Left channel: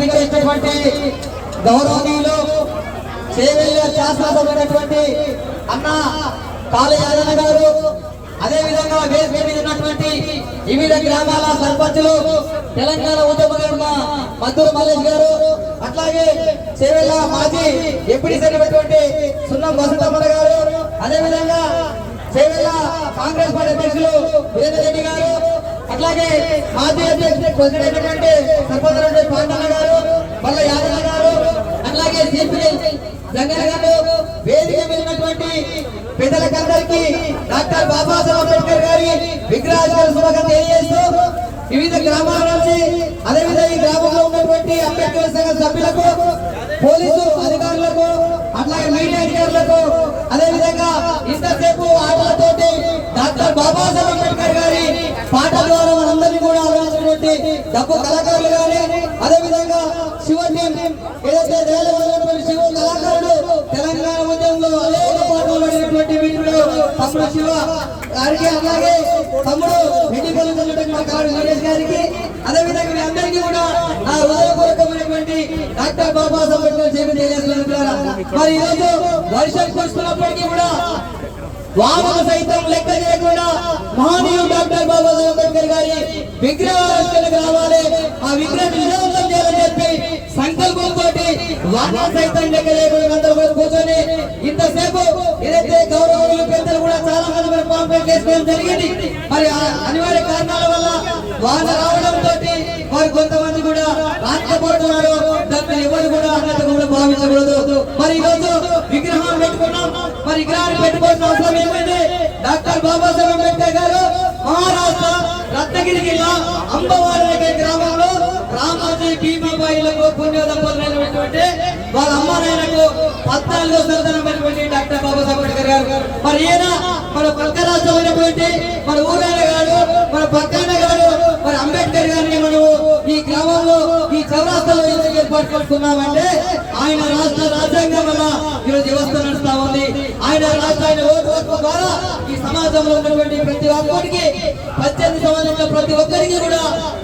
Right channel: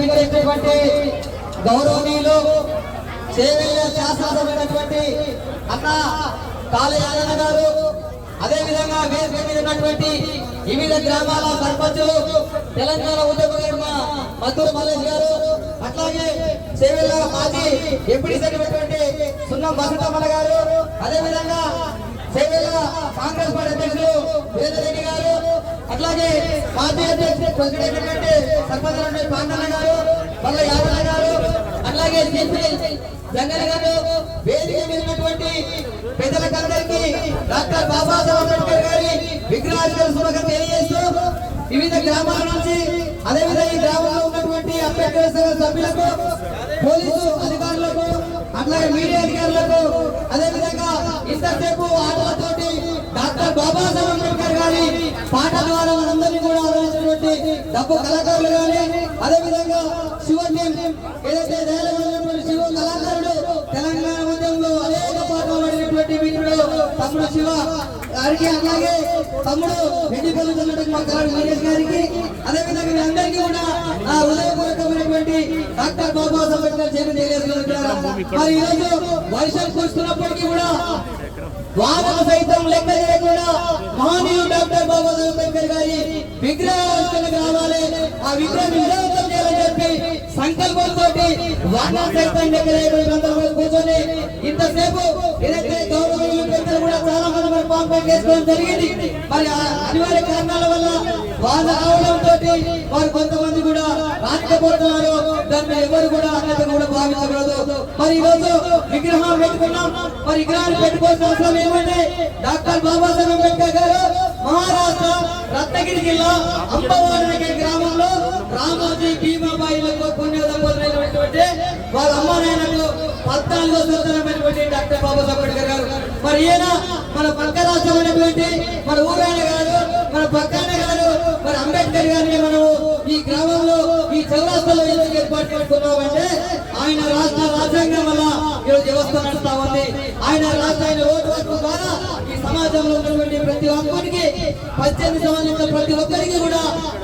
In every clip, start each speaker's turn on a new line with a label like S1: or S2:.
S1: విచ్చేసినటువంటి గౌరవనీయులు చేవెళ్ళ శాసనసభైనటువంటి అన్న కాళయాదన్న గారు అదే విధంగా వేదిక మీద ఉన్నటువంటి వివిధ గ్రామాల సర్పంచులు తెలంగాణ ఉద్యమ మద్దూరు మల్లేష్ గారు అట్లాగే చేవెళ్ళ మాజీ ఎంపీ అయినటువంటి సున్నం వసంతమ్మ గారు అదే విధంగా చేవెళ్ళ కాంగ్రెస్ పార్టీ అధ్యక్షులు వీరేంద్ర రెడ్డి గారు అట్లాగే మాజీ అధ్యక్షుడు ఎందుకంటే అయినటువంటి సర్పంచ్ పాండన్న గారు మల్ల యాదన్న గారు అట్లాగే సిపిఐ జంగల్ గారు వేదిక వెళ్ళినటువంటి పెద్దలకందరికీ డాక్టర్ బాబాసాహెబ్ అంబేద్కర్ గారి విగ్రహాలు శుభాకాంక్షలు తెలియజేస్తూ వివిధ గ్రామాల నుంచి అదేవిధంగా ఈ గ్రామంలో ఉన్నటువంటి అంబేద్కర్ సంఘ సభ్యులకు పోలీసు అధికారులకు అట్లాగే మీడియా అధికారులకు అదేవిధంగా ఇంతసేపు ఆటలతోటి డాక్టర్ బాబాసాహెబ్ అంబేద్కర్ గారి డబ్బు కళాకారులు కానీ అదే విధంగా శివ ఏదైతే జయలలిత శివ కళాకారుడు తెలంగాణ ఉద్యమంలో అనేక పాటలు పడినటువంటి మిత్రుడు తమ్ముడు శివ గారికి అలాగే తమ్ముడు రెడ్డి పలుకుతున్నటువంటి మా కారు నరేష్ గారికి అదే విధంగా మీ అందరికీ కూడా ఆ హృదయపూర్వకమైనటువంటి డాక్టర్ బాబాసాహెబ్ అంబేద్కర్ జయంతి తెలియజేస్తున్నారు మరి ఈరోజు వర్షం కురుస్తున్నప్పటికీ కూడా వానలు సైతం లెక్క చేయకుండా మహనీయుడు డాక్టర్ బాబాసాహెబ్ అంబేద్కర్ గారి విగ్రహావిష్కరణకు రావాలి. ఆ విగ్రహం విజయవంతం చేయాలని చెప్పి సంకల్పంతో వానలు సైతం లెక్క చేయకుండా కూర్చొని ఇంతసేపు ఏదైతే గౌరవములు పెద్దలు కూడా చాలా మంది మరి పాపం చేసుకోవడం జరిగింది. మరి అనివార్య కారణాల వల్ల వాళ్ళు రావడం మరి ఈరోజు విగ్రహం పెట్టుకున్నాం. మరి విగ్రహాన్ని పెట్టుకోవాల్సిన అవసరం ఏమంటే డాక్టర్ బాబాసాహెబ్ అంబేద్కర్ గారు మహారాష్ట్ర రత్నగిరి జిల్లా అంబవారి గ్రామంలో రామాజీ భీమాబాయిలకు పుణ్య దంపతులైనటువంటి వాళ్ళ అమ్మ నాయనకు పద్నాలుగో సంతానమైనటువంటి డాక్టర్ బాబాసాహెబ్ అంబేద్కర్ గారు. మరి ఈయన మన పక్క రాష్ట్రమైనటువంటి మన ఊరైన గారు మన పక్కన గారు మరి అంబేద్కర్ గారిని మనము ఈ గ్రామంలో ఈ చౌరాస్తలో ఏర్పాటు చేసుకున్నామంటే ఆయన రాష్ట్ర రాజ్యాంగం వల్ల ఈరోజు వ్యవస్థ నడుస్తా ఉంది. ఆయన రాష్ట్ర ఆయన ఓటు హక్కు ద్వారా ఈ సమాజంలో ఉన్నటువంటి ప్రతి ఒక్కరికి పద్దెనిమిది సంబంధించిన ప్రతి ఒక్కరికి కూడా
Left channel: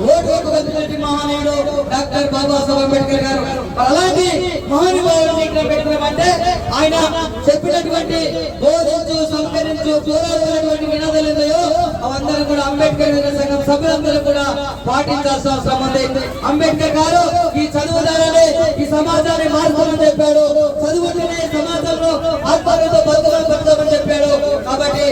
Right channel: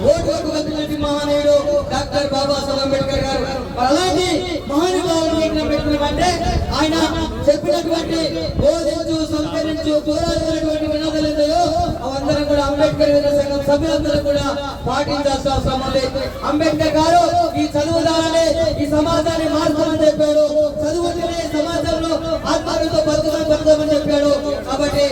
S1: ఓటు హక్కు కలిగినటువంటి మహానీయుడు డాక్టర్ బాబాసాహెబ్ అంబేద్కర్ గారు. మరి అలాంటి మహానుభావుడిని ఇక్కడ పెట్టుకున్నామంటే ఆయన చెప్పినటువంటి బోధించు సంకరించు పోరాడుతున్నటువంటి నినాదాలు అందరూ కూడా అంబేద్కర్ సంఘం సభ్యులందరూ కూడా పాటించాల్సిన అవసరం ఉంది. అంబేద్కర్ గారు ఈ చదువు ద్వారానే ఈ సమాజాన్ని మార్చమని చెప్పాడు. చదువుతూనే సమాజంలో ఆత్మహత్యతో బతుకమని బతుకమని చెప్పాడు. కాబట్టి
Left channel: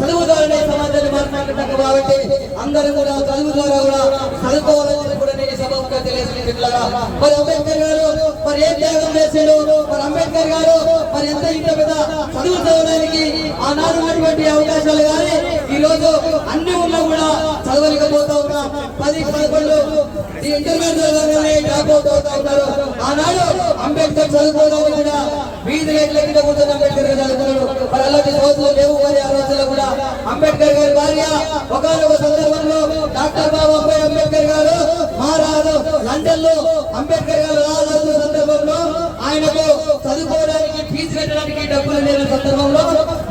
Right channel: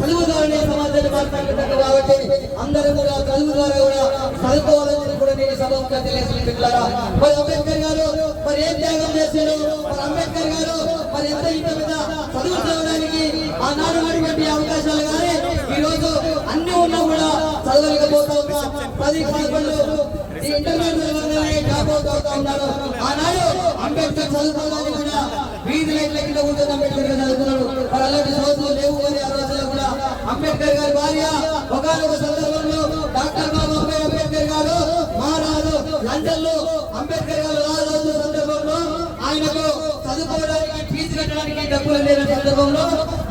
S1: చదువు ద్వారానే సమాజాన్ని మార్చడానికి కాబట్టి అందరూ కూడా చదువు ద్వారా కూడా చదువుకోవాలని కూడా నేను సభగా తెలియజేస్తున్నారా మరి అంబేద్కర్ గారు మరి ఏం త్యాగం చేశాడు? మరి అంబేద్కర్ గారు మరి ఎంత ఇంత పెద్ద చదువు చదవడానికి ఆనాడు అటువంటి అవకాశాలు కానీ ఈ రోజు అన్ని ఉన్నా కూడా చదవలేకపోతా ఉన్నా పది పదకొండు ఈ ఇంటర్మీడియట్ టాప్ అవుట్ అవుతా ఉన్నారు ఆనాడు అంబేద్కర్ చదువుకోవడానికి కూడా వీధి లైట్ల కింద కూర్చొని అంబేద్కర్ చదువుకున్నాడు. మరి అలాంటి రోజులు లేవు మరి ఆ రోజుల్లో కూడా అంబేద్కర్ గారి భార్య ఒకనొక సందర్భంలో డాక్టర్ బాబాసాహెబ్ అంబేద్కర్ గారు మహారాజు లండన్లో అంబేద్కర్ గారు రాజు సందర్భంలో ఆయనకు చదువుకోవడానికి ఫీజు కట్టడానికి డబ్బులు లేని సందర్భంలో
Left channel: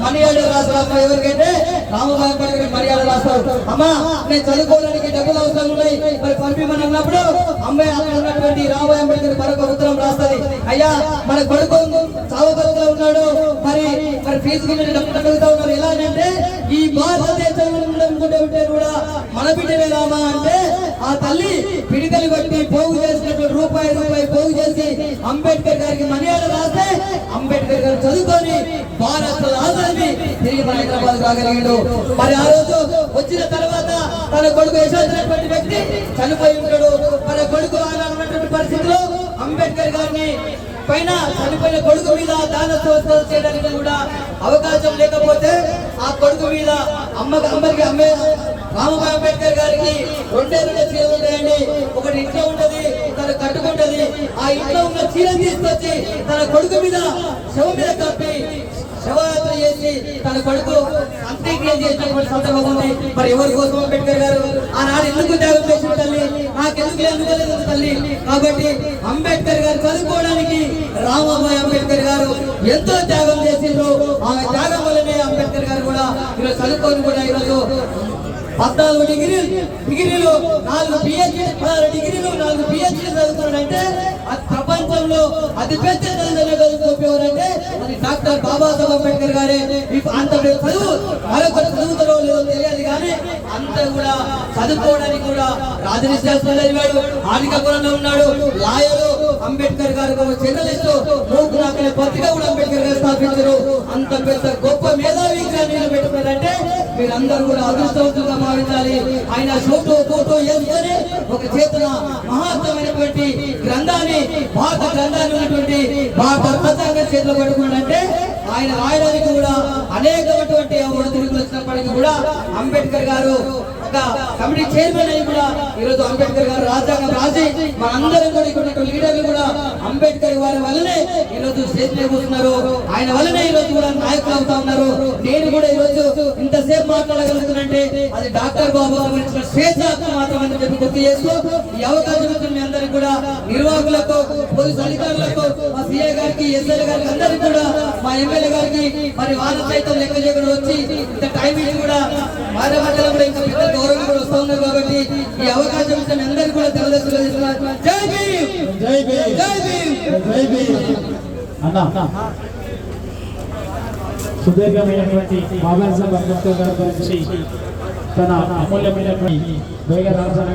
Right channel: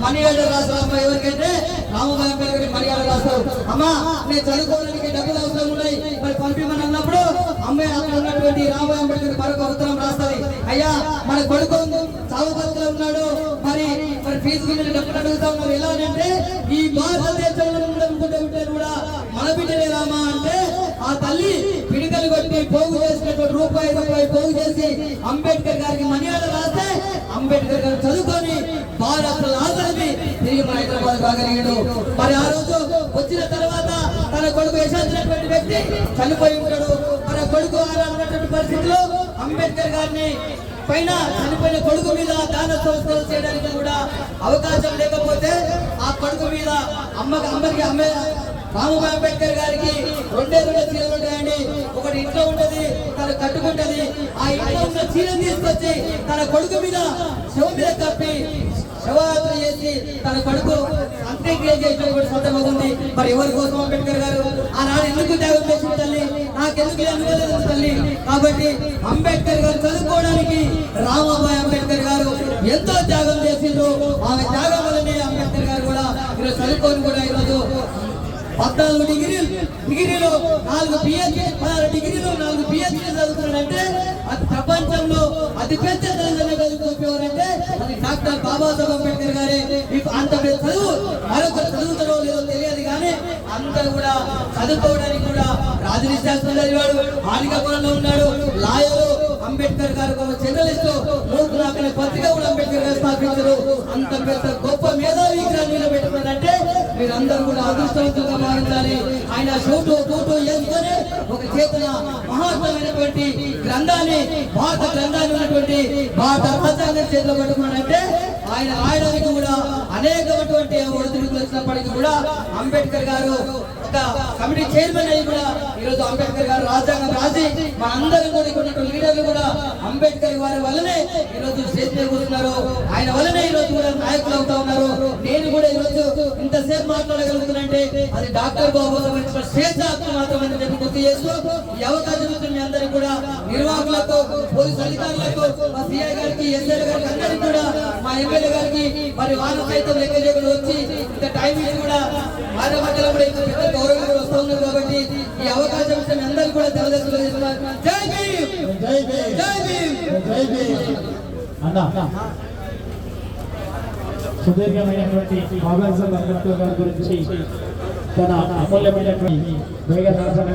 S1: మలయాళ రాష్ట్ర అమ్మ ఎవరికైతే రామబాబు అంబేద్కర్ మర్యాద రాస్తావు. అమ్మా నేను చదువుకోవడానికి డబ్బులు అవసరం ఉన్నాయి. మరి పంపిమని అన్నప్పుడు అమ్మాయి అక్కడ ఉన్నటువంటి రామబాబు అంబేద్కర్ మరొక ఉత్తరం రాస్తుంది. అయ్యా మన కొడుకు చావు ఉన్నాడు. మరి మరి ఫీజు గురించి డబ్బులు అడుగుతా ఉన్నారు ఎలా అంటే ఈ భారతదేశంలో ఉందనుకుంటే ఉంటే కూడా మన బిడ్డనే రామా అంటే ఆ తల్లి కొట్టి పోగు చేసినటువంటి రూపాయి రూపాయి పోగు చేసి అంబేద్కర్ గారికి మర్యాద రాస్తే అంబేద్కర్ గారు చదువుకొని భారత్ ఆదరణి తిరిగి మన హైదరాబాద్ రాగలిగాడు. మరి ఆ రోజు వచ్చిన తర్వాత తన కొడుకు యశాచినటువంటి వ్యక్తి చనిపోయి ఉంటాడు. మన కొడుకు అలా పరిస్థితిలో అంబేద్కర్ గారిని పైన చనిపోయిన కొడుకు మీద దాన సంస్కారం చేయడానికి కూడా అవకాశం లేకపోతే ఆ కొడుకు మీద అమ్మకి అమ్మకి అమ్మే రామబాబు అంబేద్కర్ గారికి రెండే ఒకటి ఇంట్లో ఉంటది తను కట్టుకుంటది. ఆ ఇంట్లో ఉన్న చీరను తీసుకొచ్చి తన కొడుకు మీద శవం మీద కప్పి శవయాత్ర చేసి తన కొడుకు అంత్యక్రియ చేసినటువంటి సందర్భం ఉంది. మరి ఎవరి కోసం అంబేద్కర్ గారు? ఆనాడు ఎందుకు త్యాగం చేసిన తల్లి? నాకెందుకు అనుకోలేదు తల్లి. కాబట్టి అంబేద్కర్ గారు చదువుకోవడానికి రామాబాయ్ అంబేద్కర్ గారు ఎంతో త్యాగం చేసిండ్రు. ఆమె త్యాగం వల్లనే అంబేద్కర్ గారు కూడా ఈరోజు చదువుకొని కూడా ఈరోజు పద్నాలుగు డిగ్రీలు డిగ్రీలు నాలుగు పిహెచ్డి పదహారు డిగ్రీలు నాలుగు పిహెచ్డి చదువుతున్నాడంటే ప్రపంచంలో అతి పెద్ద తెలంగాణ ఎవరంటే అది డాక్టర్ బాబాసాహెబ్ అంబేద్కర్ గారే. మీకు అంత పెద్ద చదువు మరొక చదువుతారో లేదో తెలియదు కానీ అంత కూడా చదువుకోవడానికి కూడా రాజనిశాస్త్రం చదివాడు ఆనికపురంలో ఉన్నాడు లాయరు అంబేద్కర్ గారు ఒక జర్నలిస్ట్ మూకు పత్రిక కూడా అంబేద్కర్ గారు స్థాపించారు. అంత పెద్ద గొప్ప మేధావీగా నిలబెట్టుకున్నారంటే మీరందరూ కూడా అదృష్టవంతులుగా భావించాలి ఆయన ఫోటో ఫోటో వేసుకొని ఒక చేతన మహాత్మైనటువంటి గ్రంథాన్ని భారత గ్రంథాన్ని ఉన్నటువంటి భారత రాజ్యాంగ చేతిలో పెట్టుకున్నాడంటే ఆయన రాయడానికి కూడా అనేకమైనటువంటి ఒడిదుడుకులు వచ్చినప్పటికీ కూడా అంబేద్కర్ గారు ఒక కమిటీ చైర్మన్ అయ్యి కూడా ఈరోజు అంబేద్కర్ గారు రాజ్యాంగం రాసి మనందరం కూడా ఇక్కడ లీడర్లు కూడా అంబేద్కర్ వారి వల్లనే ఈరోజు స్టేజ్ మీద కూర్చున్నారు. ఆయన వల్లనే ఈరోజు కూడా నాయకులు అవుతా ఉన్నారు. అది డాక్టర్ బాబు ఇచ్చిన స్వేచ్ఛాత్మ మాత్రం అని చెప్పి గుర్తు చేస్తూ ఈ అవకాశం ఇచ్చిన మీ అందరికీ కూడా నిర్వాహకులకు పోలీసు అధికారులకు మా సిఐ గారికి ఎస్ఐ గారికి అందరికీ కూడా మా ఎమ్మెల్యే గారికి మరి వాళ్ళ సైతం లెక్క చేయకుండా వచ్చి ఇంత టైం ఇచ్చి కూడా వారి మధ్యలో కూడా ఇంకా పెద్ద గౌరవం కూడా వస్తూ ఉన్నారు కాబట్టి ఈ అవకాశం ఇచ్చిన మీ అందరికీ కూడా తెలదస్తులు చేస్తున్నారు జై భీమ్!
S2: జై భీమ్!
S1: జై భీమ్!
S2: జై భీమ్! అన్న సుదీర్ఘమైనటువంటి బాబాసాహెబ్ అంబేద్కర్ గారి గురించి తన అమూల్యమైనటువంటి వేగ రాజాన